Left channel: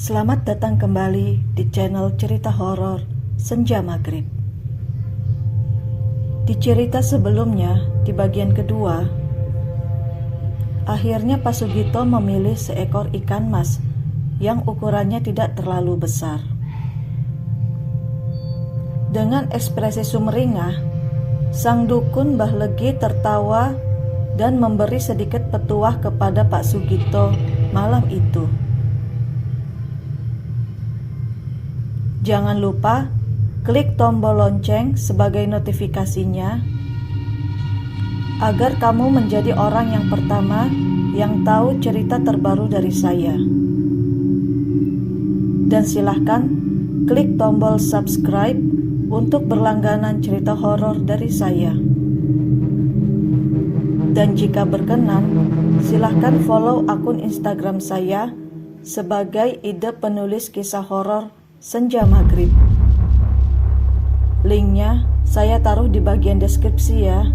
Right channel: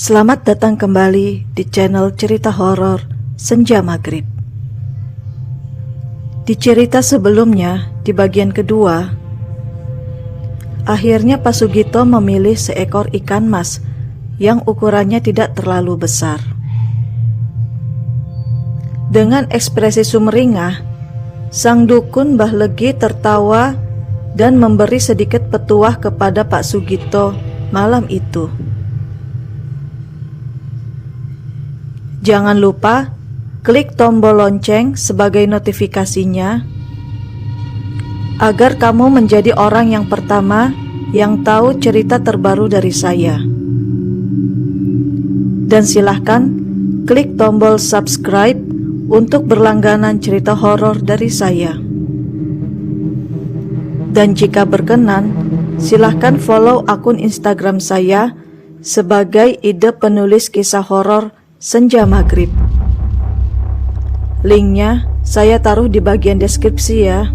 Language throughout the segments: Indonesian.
Selamat datang kembali di channel cerita horor Senja Maghrib. Di cerita sebelumnya, di bagian kedua, akhirnya Pak Sugito memilih seekor ikan mas yang ukurannya tidak terlalu besar. Dengan ekspresi sumringah, sang dukun Mbah Legi tertawa dan memberi sedikit petuah kepada Pak Sugito malam itu. Jangan lupa klik tombol lonceng sebagai notifikasinya agar kamu menjadi orang yang pertama yang tahu cerita terbaru dari saya. Dan silahkan klik tombol subscribe untuk berlangganan cerita horor dari saya. Dan jika berkenan, silahkan follow akun Instagram saya sebagai ide penulis kisah horor Senja Maghrib. Linknya saya taruh di bagian deskripsi ya.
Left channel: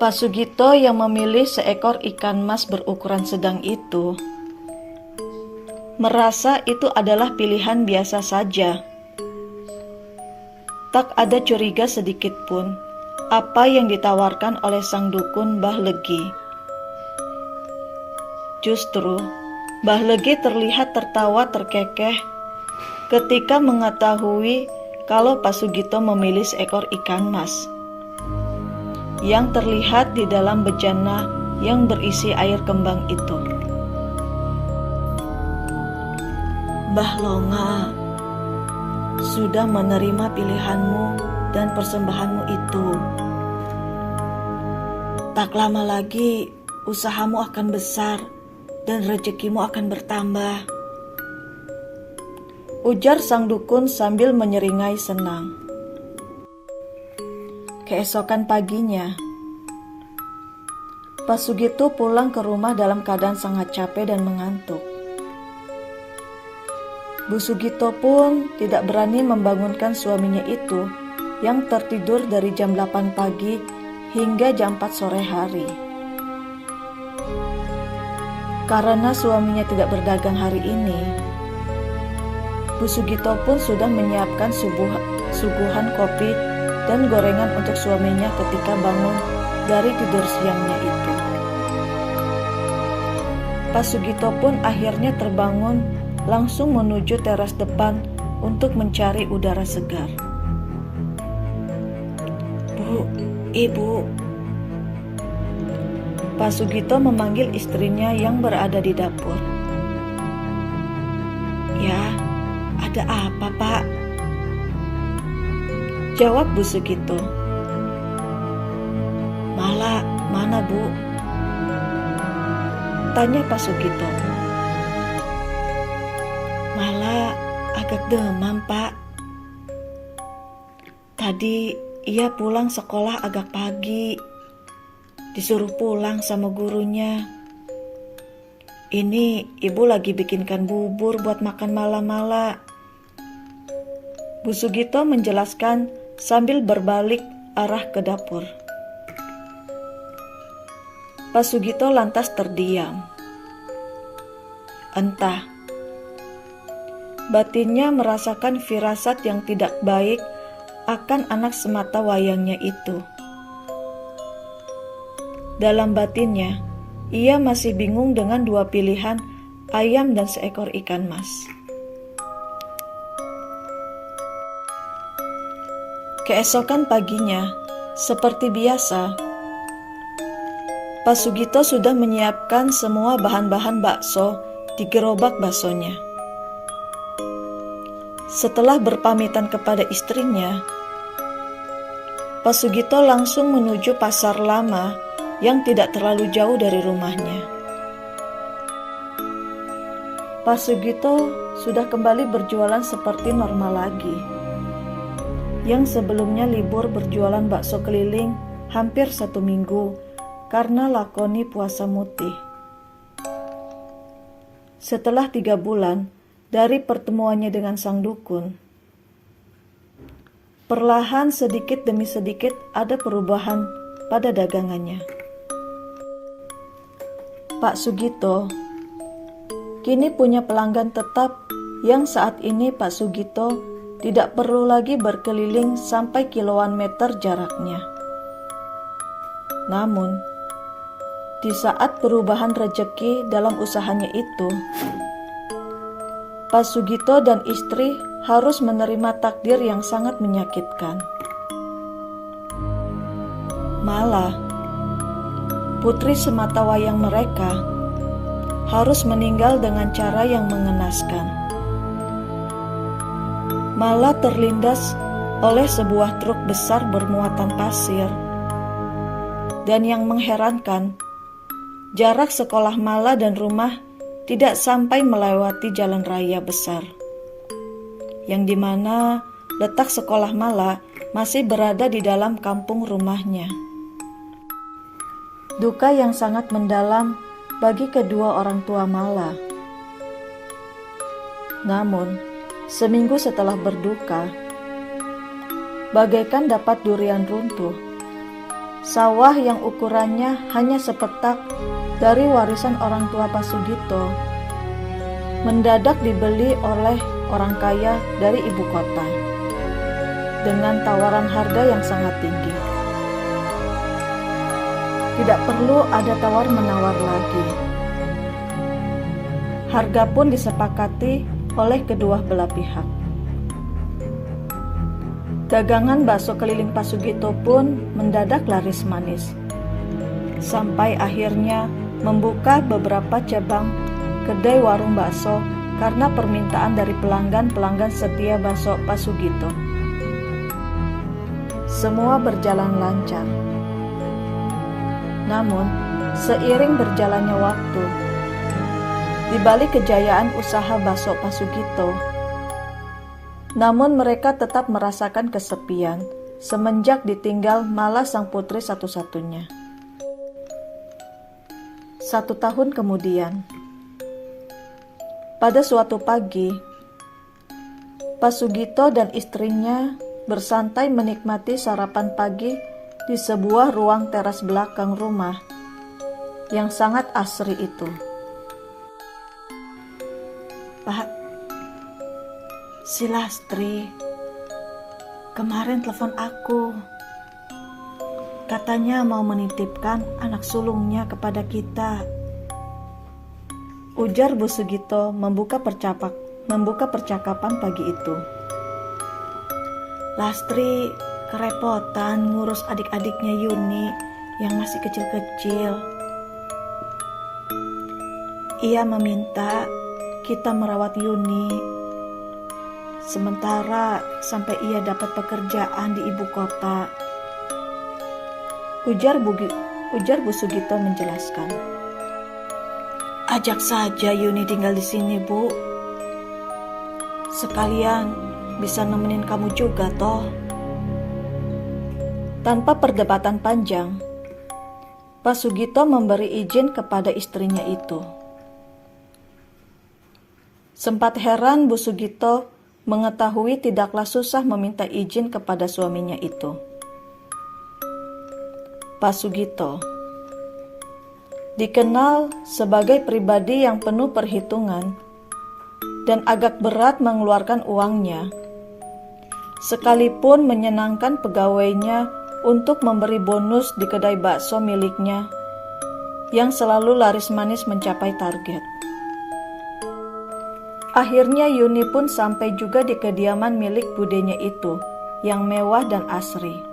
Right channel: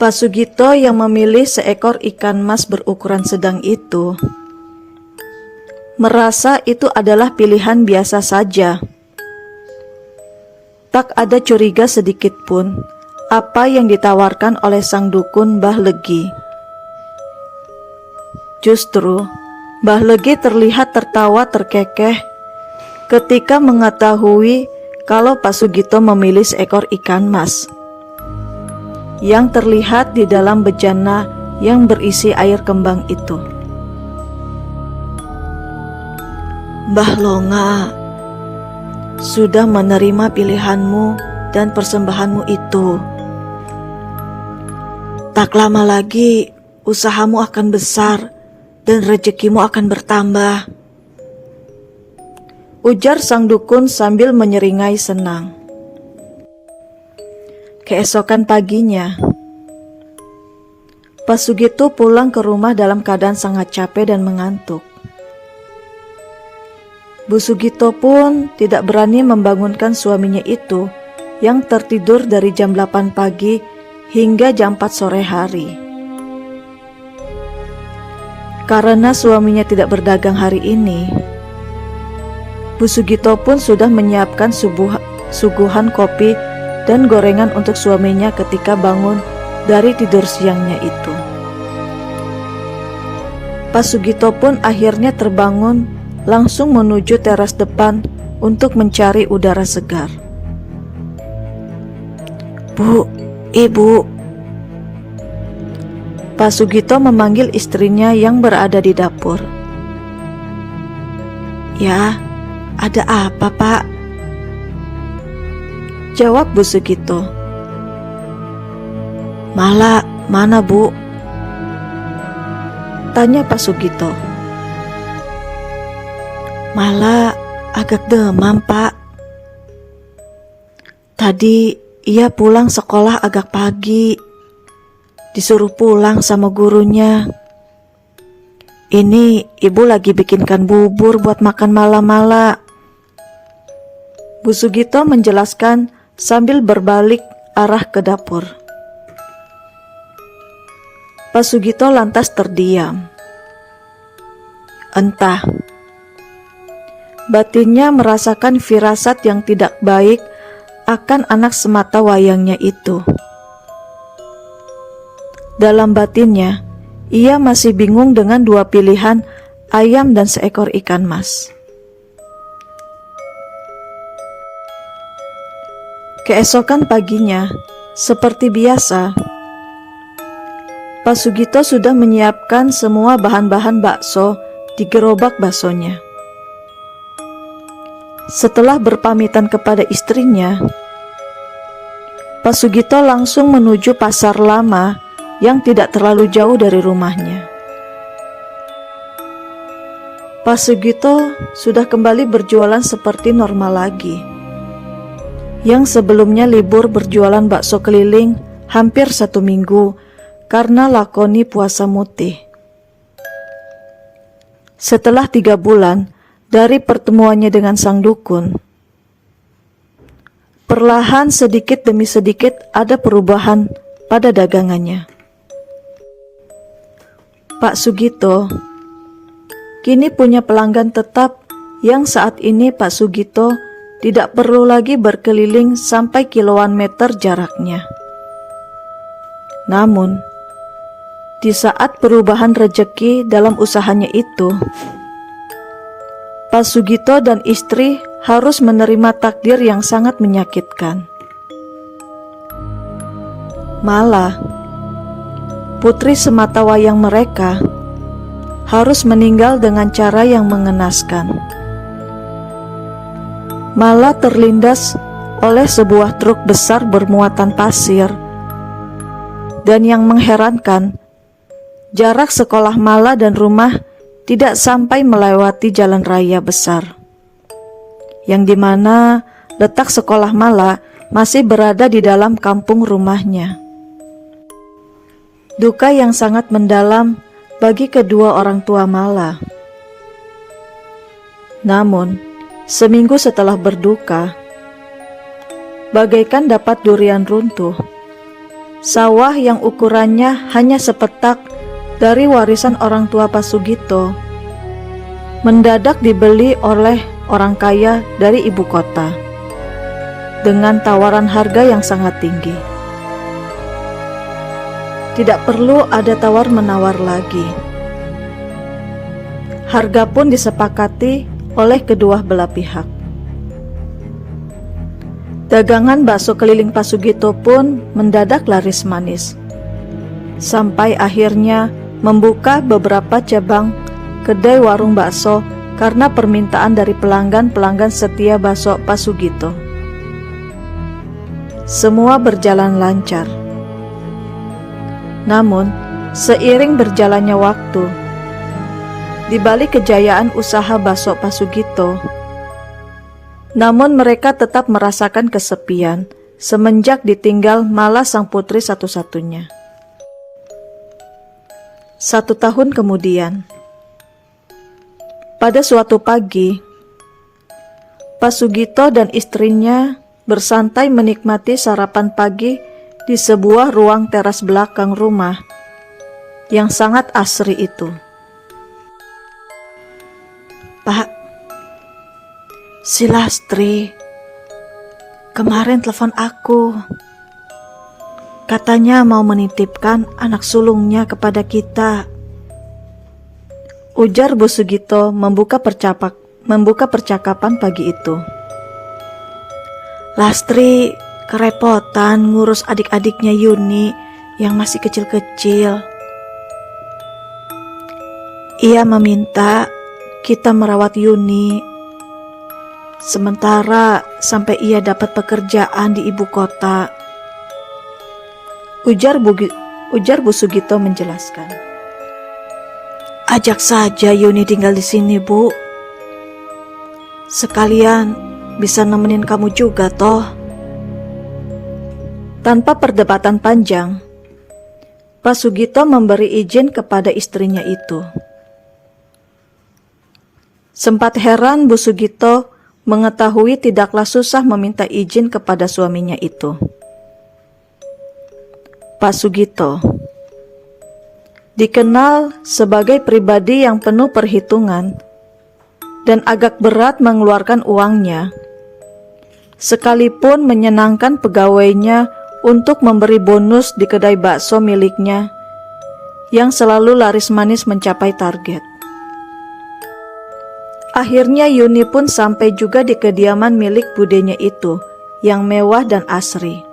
Pak Sugito yang memilih seekor ikan mas berukuran sedang itu merasa itu adalah pilihan biasa saja. Tak ada curiga sedikit pun apa yang ditawarkan oleh sang dukun Mbah Legi. Justru Mbah Legi terlihat tertawa terkekeh ketika mengetahui kalau Pak Sugito memilih seekor ikan mas yang terlihat di dalam bejana yang berisi air kembang itu. Mbah Longa sudah menerima pilihanmu dan persembahanmu itu. Tak lama lagi usahamu akan besar dan rezekimu akan bertambah, ujar sang dukun sambil menyeringai senang. Keesokan paginya, Pak Sugito pulang ke rumah dalam keadaan sangat capek dan mengantuk. Bu Sugito pun tidak berani membangunkan suaminya itu yang tertidur dari jam 8 pagi hingga jam 4 sore hari. Karena suaminya tidak berdagang hari ini, Bu Sugito pun sudah menyiapkan suguhan kopi dan gorengan untuk suaminya ketika bangun dari tidur siangnya itu. Pak Sugito pun akhirnya terbangun langsung menuju teras depan untuk mencari udara segar. Bu, Ibu. Pak Sugito memanggil istrinya yang berada di dapur. Ya, ada apa Pak? Jawab Bu Sugito. Mala, mana Bu? Tanya Pak Sugito. Mala agak demam Pak. Tadi ia pulang sekolah agak pagi. Disuruh pulang sama gurunya. Ini Ibu lagi bikinkan bubur buat makan malam-mala. Bu Sugito menjelaskan sambil berbalik arah ke dapur. Pak Sugito lantas terdiam. Entah, batinnya merasakan firasat yang tidak baik akan anak semata wayangnya itu. Dalam batinnya, ia masih bingung dengan dua pilihan ayam dan seekor ikan mas. Keesokan paginya, seperti biasa, Pak Sugito sudah menyiapkan semua bahan-bahan bakso di gerobak baksonya. Setelah berpamitan kepada istrinya, Pak Sugito langsung menuju pasar lama yang tidak terlalu jauh dari rumahnya. Pak Sugito sudah kembali berjualan seperti normal lagi. yang sebelumnya libur berjualan bakso keliling hampir 1 minggu karena lakoni puasa mutih. Setelah 3 bulan dari pertemuannya dengan sang dukun, perlahan sedikit demi sedikit ada perubahan pada dagangannya. Pak Sugito kini punya pelanggan tetap yang saat ini Pak Sugito tidak perlu lagi berkeliling sampai kiloan meter jaraknya. Namun, di saat perubahan rejeki dalam usahanya itu, Pak Sugito dan istri harus menerima takdir yang sangat menyakitkan. Malah, putri sematawayang mereka harus meninggal dengan cara yang mengenaskan. Malah terlindas oleh sebuah truk besar bermuatan pasir. Dan yang mengherankan, jarak sekolah Mala dan rumah tidak sampai melewati jalan raya besar, yang dimana letak sekolah Mala masih berada di dalam kampung rumahnya. Duka yang sangat mendalam bagi kedua orang tua Mala. Namun, seminggu setelah berduka, bagaikan dapat durian runtuh, sawah yang ukurannya hanya sepetak dari warisan orang tua Pak Sugito mendadak dibeli oleh orang kaya dari ibu kota dengan tawaran harga yang sangat tinggi. Tidak perlu ada tawar-menawar lagi. Harga pun disepakati oleh kedua belah pihak. Dagangan bakso keliling Pak Sugito pun mendadak laris manis, sampai akhirnya membuka beberapa cabang kedai warung bakso karena permintaan dari pelanggan-pelanggan setia bakso Pak Sugito. Semua berjalan lancar. Namun, seiring berjalannya waktu, di balik kejayaan usaha bakso Pak Sugito, namun mereka tetap merasakan kesepian semenjak ditinggal Mala sang putri satu-satunya. 1 tahun kemudian, pada suatu pagi, Pak Sugito dan istrinya bersantai menikmati sarapan pagi di sebuah ruang teras belakang rumah yang sangat asri itu. "Pak, si Lastri kemarin telepon aku. Katanya mau menitipkan anak sulungnya kepada kita," ujar Bu Sugito membuka percakapan pagi itu. "Lastri kerepotan ngurus adik-adiknya Yuni yang masih kecil-kecil. Ia meminta kita merawat Yuni sementara sampai ia dapat pekerjaan di ibu kota," ujar Bu Sugito menjelaskan. "Ajak saja Yuni tinggal di sini, Bu. Sekalian bisa nemenin kamu juga toh." Tanpa perdebatan panjang, Pak Sugito memberi izin kepada istrinya itu. Sempat heran Bu Sugito mengetahui tidaklah susah meminta izin kepada suaminya itu. Pak Sugito dikenal sebagai pribadi yang penuh perhitungan dan agak berat mengeluarkan uangnya, sekalipun menyenangkan pegawainya untuk memberi bonus di kedai bakso miliknya yang selalu laris manis mencapai target. Akhirnya Yuni pun sampai juga di kediaman milik budenya itu yang mewah dan asri.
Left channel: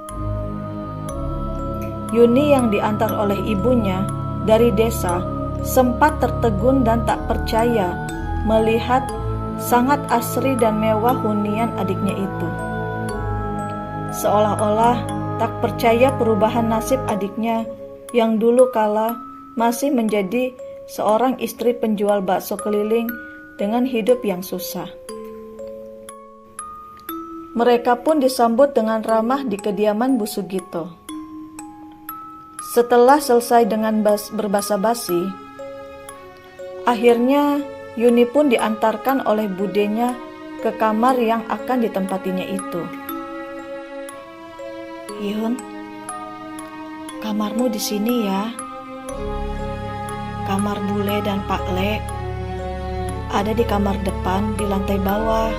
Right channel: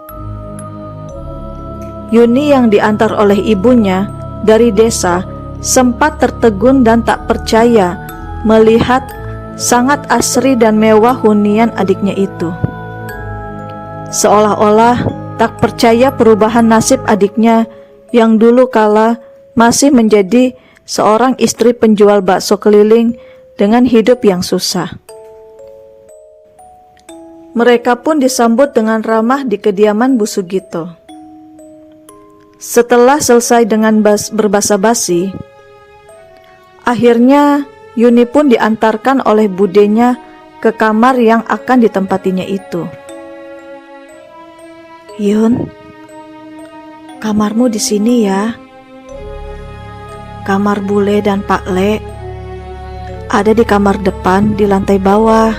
Yuni yang diantar oleh ibunya dari desa sempat tertegun dan tak percaya melihat sangat asri dan mewah hunian adiknya itu. Seolah-olah tak percaya perubahan nasib adiknya yang dulu kala masih menjadi seorang istri penjual bakso keliling dengan hidup yang susah. Mereka pun disambut dengan ramah di kediaman Bu Sugito. Setelah selesai dengan berbasa-basi, akhirnya Yuni pun diantarkan oleh budenya ke kamar yang akan ditempatinya itu. "Yun, kamarmu di sini ya. Kamar Bule dan Pak Le ada di kamar depan di lantai bawah.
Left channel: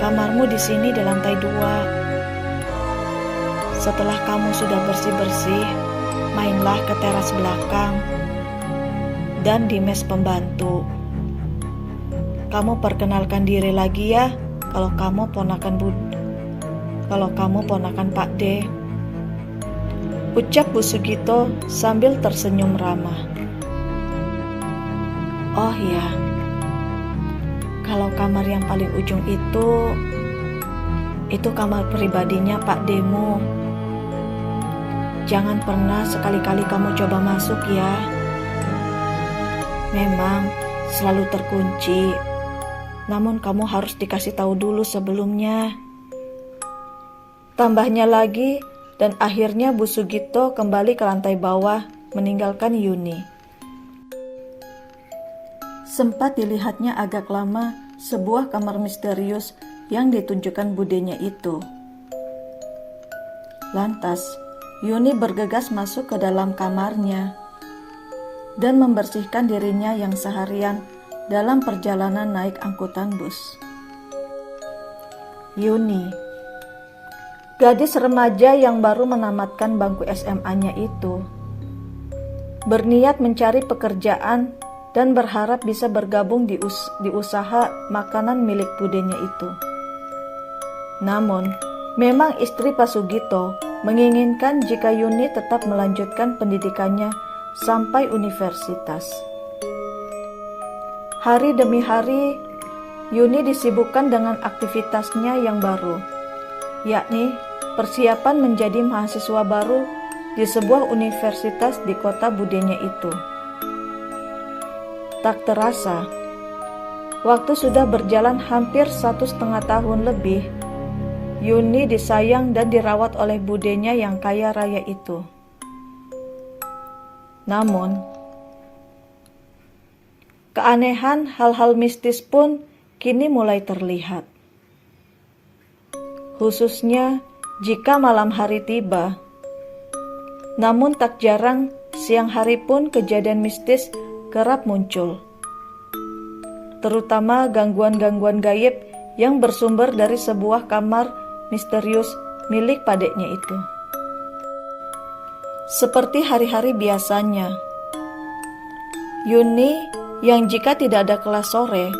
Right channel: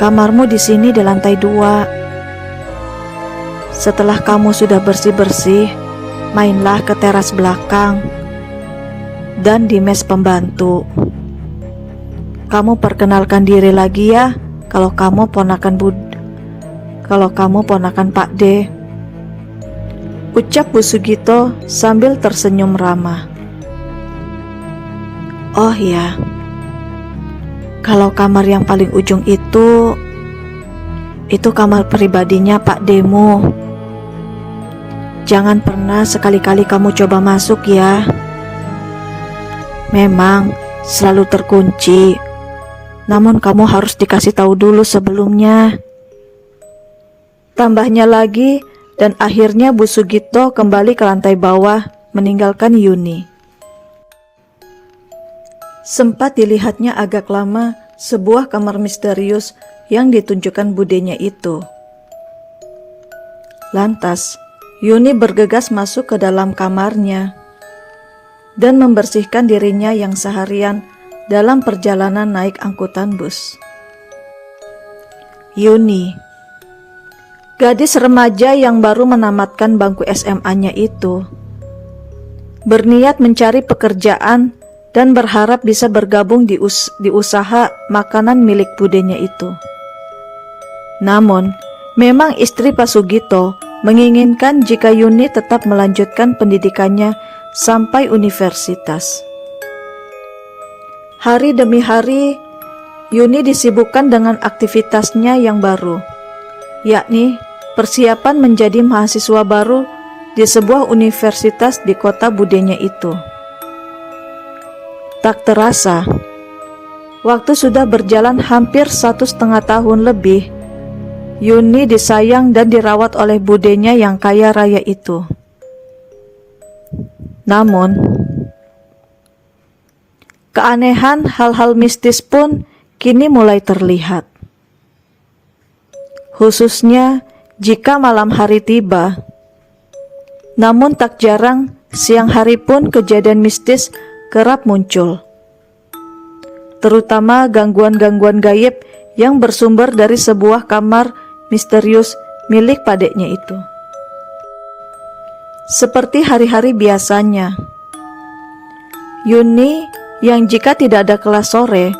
Kamarmu di sini di lantai 2. Setelah kamu sudah bersih-bersih, mainlah ke teras belakang dan di mes pembantu. Kamu perkenalkan diri lagi ya kalau kamu ponakan Pak D," ucap Bu Sugito sambil tersenyum ramah. "Oh ya, kalau kamar yang paling ujung itu kamar pribadinya Pak Demo. Jangan pernah sekali-kali kamu coba masuk ya. Memang selalu terkunci, namun kamu harus dikasih tahu dulu sebelumnya," tambahnya lagi, dan akhirnya Bu Sugito kembali ke lantai bawah meninggalkan Yuni. Sempat dilihatnya agak lama sebuah kamar misterius yang ditunjukkan budenya itu. Lantas, Yuni bergegas masuk ke dalam kamarnya dan membersihkan dirinya yang seharian dalam perjalanan naik angkutan bus. Yuni, gadis remaja yang baru menamatkan bangku SMA-nya itu, berniat mencari pekerjaan dan berharap bisa bergabung di usaha makanan milik budenya itu. Namun, memang istri Pak Sugito menginginkan jika Yuni tetap melanjutkan pendidikannya sampai universitas. Hari demi hari, Yuni disibukkan dengan aktivitasnya yang baru, yakni persiapan menjadi mahasiswa baru di sebuah universitas di kota budenya itu. Tak terasa, waktu sudah berjalan hampir 1,5 tahun lebih. Yuni disayang dan dirawat oleh budenya yang kaya raya itu. Namun, keanehan hal-hal mistis pun kini mulai terlihat. Khususnya jika malam hari tiba. Namun tak jarang siang hari pun kejadian mistis kerap muncul, terutama gangguan-gangguan gaib yang bersumber dari sebuah kamar misterius milik padeknya itu. Seperti hari-hari biasanya, Yuni yang jika tidak ada kelas sore,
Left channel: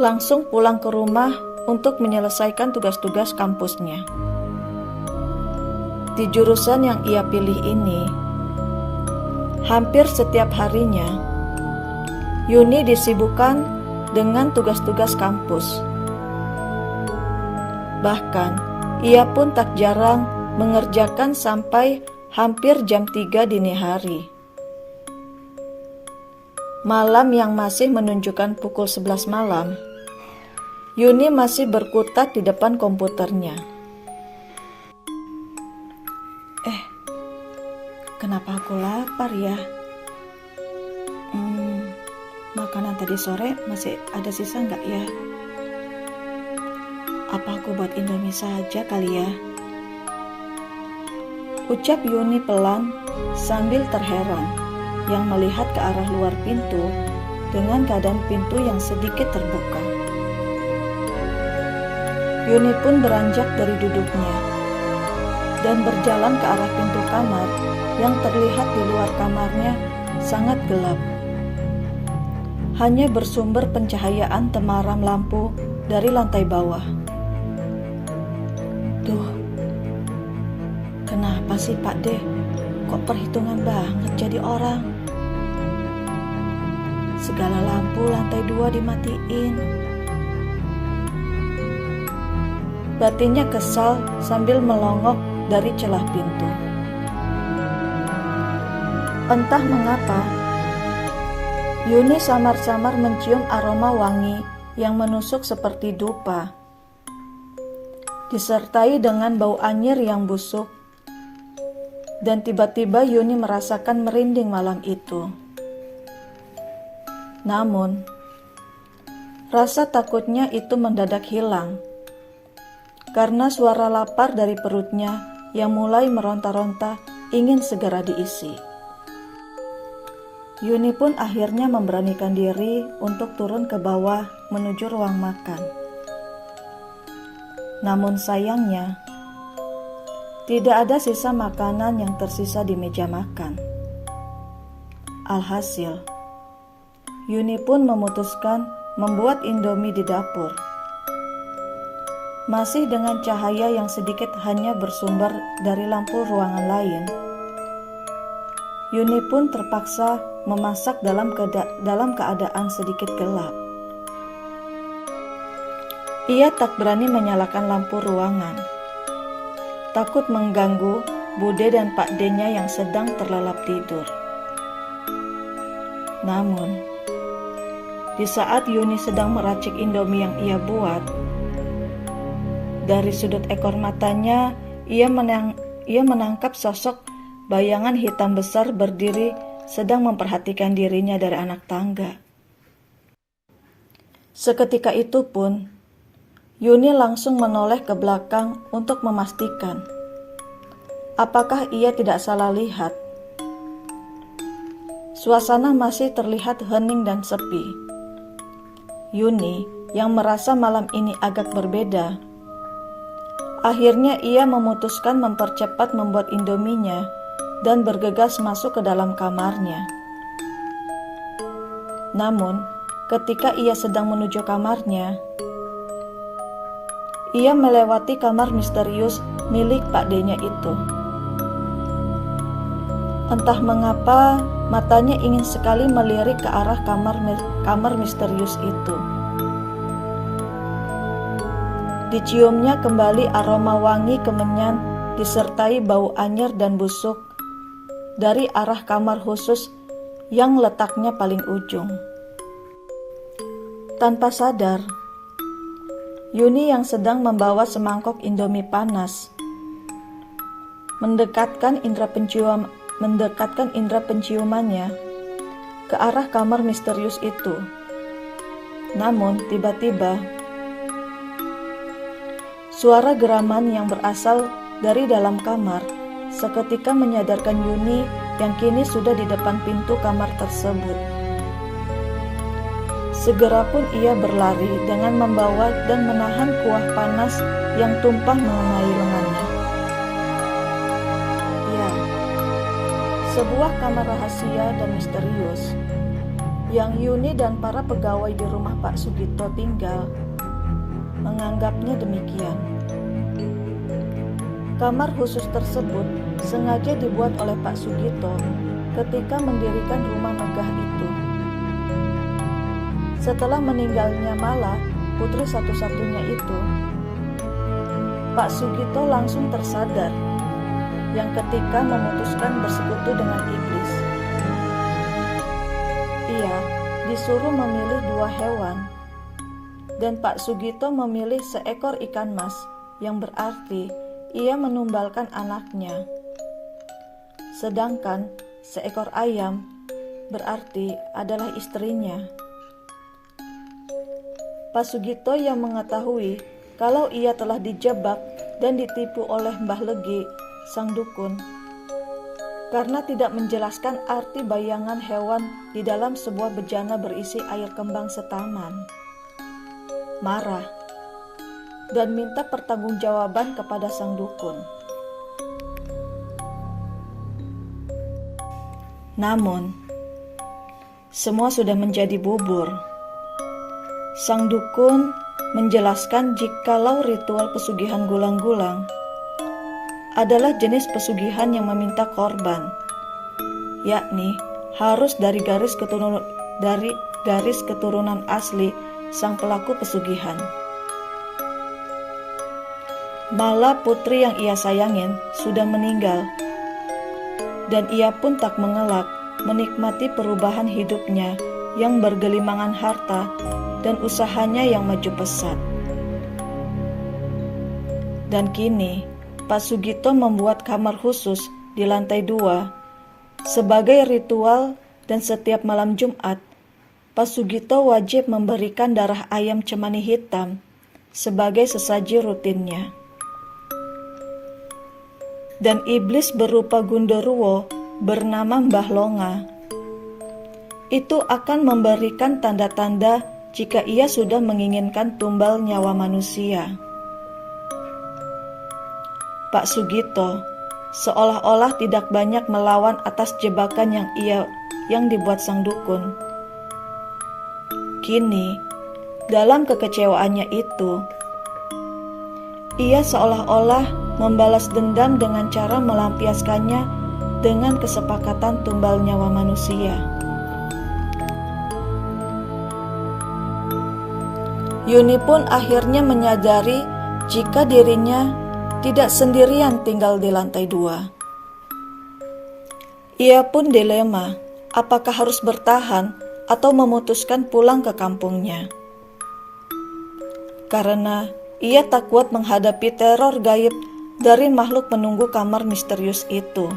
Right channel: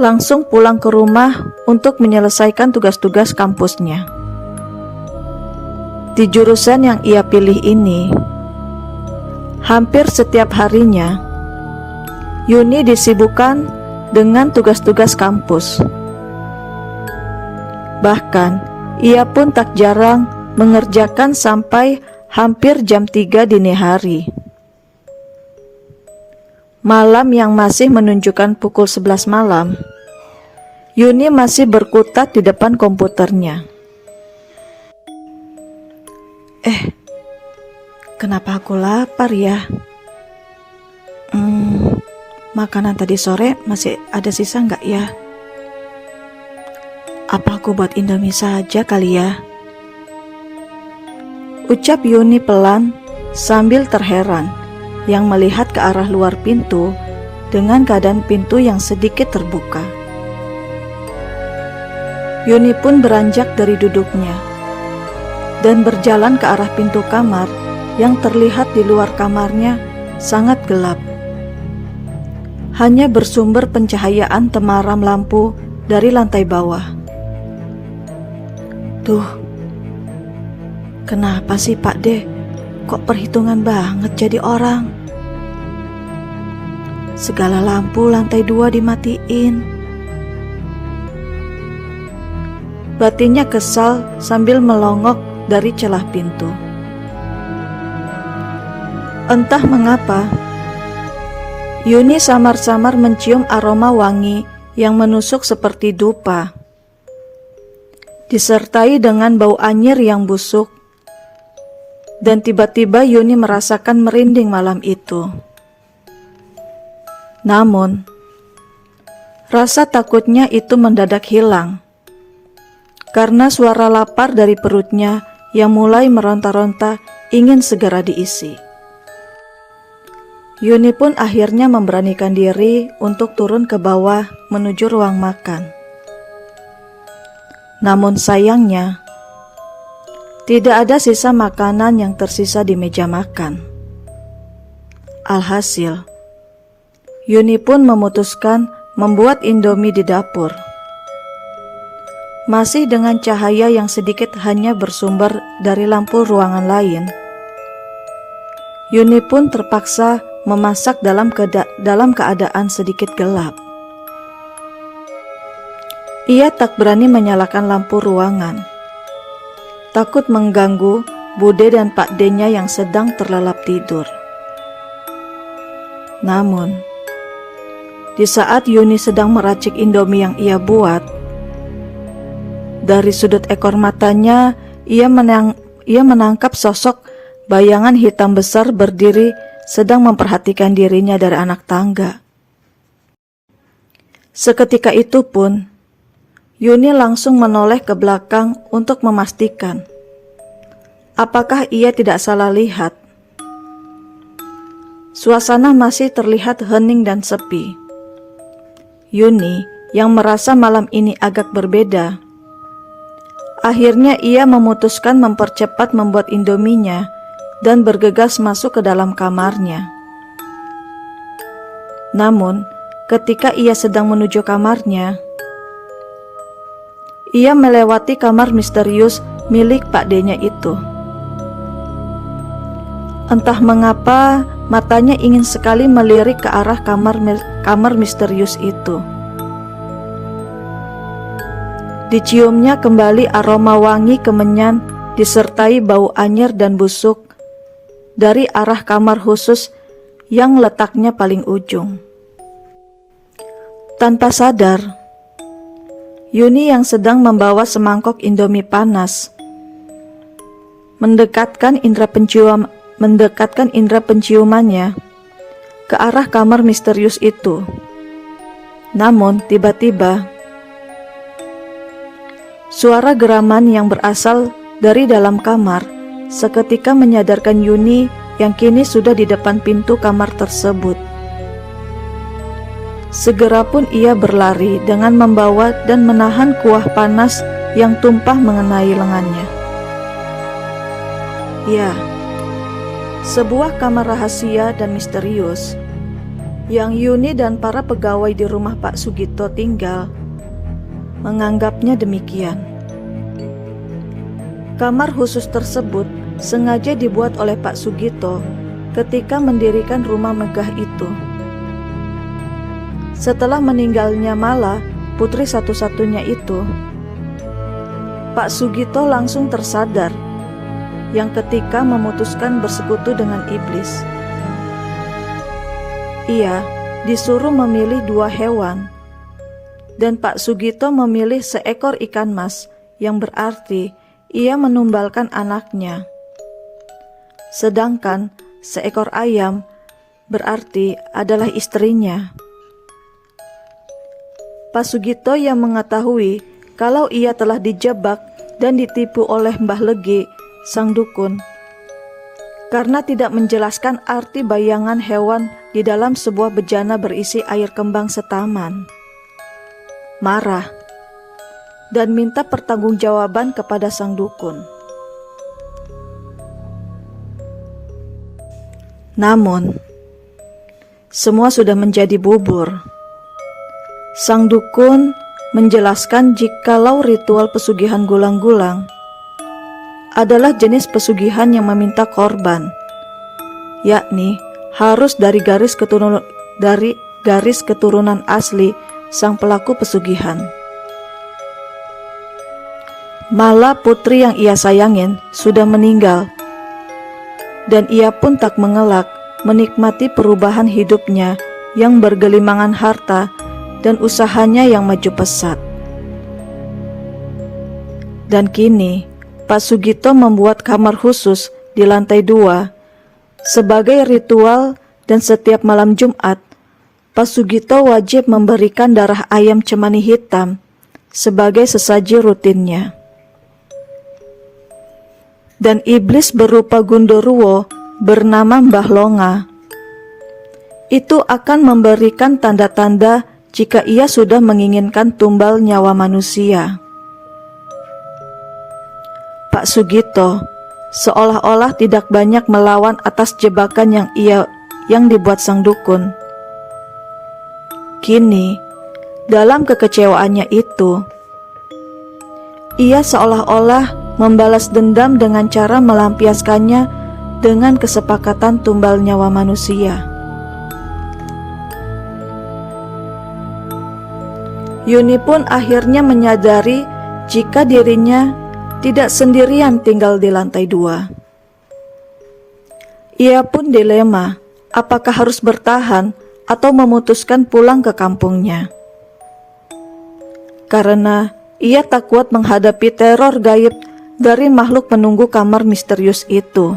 langsung pulang ke rumah untuk menyelesaikan tugas-tugas kampusnya. Di jurusan yang ia pilih ini, hampir setiap harinya, Yuni disibukkan dengan tugas-tugas kampus. Bahkan, ia pun tak jarang mengerjakan sampai hampir jam 3 dini hari. Malam yang masih menunjukkan pukul 11 malam, Yuni masih berkutat di depan komputernya. Kenapa aku lapar ya? Makanan tadi sore masih ada sisa nggak ya? Apa aku buat Indomie saja kali ya? Ucap Yuni pelan sambil terheran yang melihat ke arah luar pintu dengan keadaan pintu yang sedikit terbuka. Yuni pun beranjak dari duduknya dan berjalan ke arah pintu kamar yang terlihat di luar kamarnya sangat gelap. Hanya bersumber pencahayaan temaram lampu dari lantai bawah. Tuh, kenapa sih Pak D? Kok perhitungan banget jadi orang? Segala lampu lantai 2 dimatiin. Batinnya kesal sambil melongok dari celah pintu. Entah mengapa, Yuni samar-samar mencium aroma wangi yang menusuk seperti dupa disertai dengan bau anyir yang busuk. Dan tiba-tiba Yuni merasakan merinding malam itu. Namun, rasa takutnya itu mendadak hilang, karena suara lapar dari perutnya yang mulai meronta-ronta ingin segera diisi. Yuni pun akhirnya memberanikan diri untuk turun ke bawah menuju ruang makan. Namun sayangnya, tidak ada sisa makanan yang tersisa di meja makan. Alhasil, Yuni pun memutuskan membuat Indomie di dapur. Masih dengan cahaya yang sedikit hanya bersumber dari lampu ruangan lain, Yuni pun terpaksa memasak dalam keadaan sedikit gelap. Ia tak berani menyalakan lampu ruangan, takut mengganggu Bude dan Pak D-nya yang sedang terlelap tidur. Namun, di saat Yuni sedang meracik Indomie yang ia buat, dari sudut ekor matanya ia menangkap sosok bayangan hitam besar berdiri sedang memperhatikan dirinya dari anak tangga. Seketika itu pun, Yuni langsung menoleh ke belakang untuk memastikan apakah ia tidak salah lihat. Suasana masih terlihat hening dan sepi. Yuni yang merasa malam ini agak berbeda. Akhirnya ia memutuskan mempercepat membuat Indominya dan bergegas masuk ke dalam kamarnya. Namun, ketika ia sedang menuju kamarnya, ia melewati kamar misterius milik Pak D-nya itu. Entah mengapa, matanya ingin sekali melirik ke arah kamar misterius itu. Diciumnya kembali aroma wangi kemenyan disertai bau anyir dan busuk dari arah kamar khusus yang letaknya paling ujung. Tanpa sadar, Yuni yang sedang membawa semangkok Indomie panas mendekatkan indera penciumannya ke arah kamar misterius itu. Namun tiba-tiba suara geraman yang berasal dari dalam kamar seketika menyadarkan Yuni yang kini sudah di depan pintu kamar tersebut. Segera pun ia berlari dengan membawa dan menahan kuah panas yang tumpah mengenai lengannya. Ya, sebuah kamar rahasia dan misterius yang Yuni dan para pegawai di rumah Pak Sugito tinggal menganggapnya demikian. Kamar khusus tersebut sengaja dibuat oleh Pak Sugito ketika mendirikan rumah megah itu. Setelah meninggalnya Mala, putri satu-satunya itu, Pak Sugito langsung tersadar yang ketika memutuskan bersekutu dengan iblis. Ia disuruh memilih 2 hewan, dan Pak Sugito memilih seekor ikan mas, yang berarti ia menumbalkan anaknya. Sedangkan seekor ayam berarti adalah istrinya. Pak Sugito yang mengetahui kalau ia telah dijebak dan ditipu oleh Mbah Legi, sang dukun, karena tidak menjelaskan arti bayangan hewan di dalam sebuah bejana berisi air kembang setaman, marah dan minta pertanggungjawaban kepada sang dukun. Namun, semua sudah menjadi bubur. Sang dukun menjelaskan jikalau ritual pesugihan gulang-gulang adalah jenis pesugihan yang meminta korban, yakni harus dari garis keturunan asli sang pelaku pesugihan. Mala, putri yang ia sayangin, sudah meninggal, dan ia pun tak mengelak menikmati perubahan hidupnya yang bergelimangan harta dan usahanya yang maju pesat. Dan kini, Pak Sugito membuat kamar khusus di lantai 2 sebagai ritual, dan setiap malam Jumat, Pak Sugito wajib memberikan darah ayam cemani hitam sebagai sesaji rutinnya. Dan iblis berupa Gundurwo bernama Mbah Longa itu akan memberikan tanda-tanda jika ia sudah menginginkan tumbal nyawa manusia. Pak Sugito seolah-olah tidak banyak melawan atas jebakan yang dibuat sang dukun. Kini, dalam kekecewaannya itu, ia seolah-olah membalas dendam dengan cara melampiaskannya dengan kesepakatan tumbal nyawa manusia. Yuni pun akhirnya menyadari jika dirinya tidak sendirian tinggal di lantai 2. Ia pun dilema, apakah harus bertahan atau memutuskan pulang ke kampungnya. Karena ia tak kuat menghadapi teror gaib dari makhluk penunggu kamar misterius itu.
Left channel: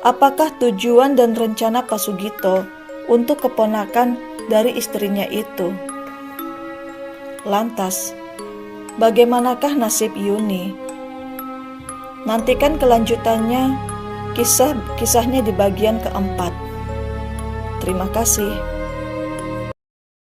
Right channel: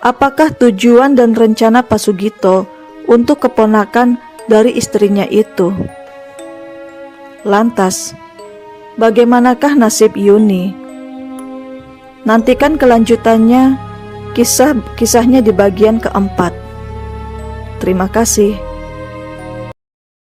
Apakah tujuan dan rencana Pak Sugito untuk keponakan dari istrinya itu? Lantas, bagaimanakah nasib Yuni? Nantikan kelanjutannya, kisahnya di bagian keempat. Terima kasih.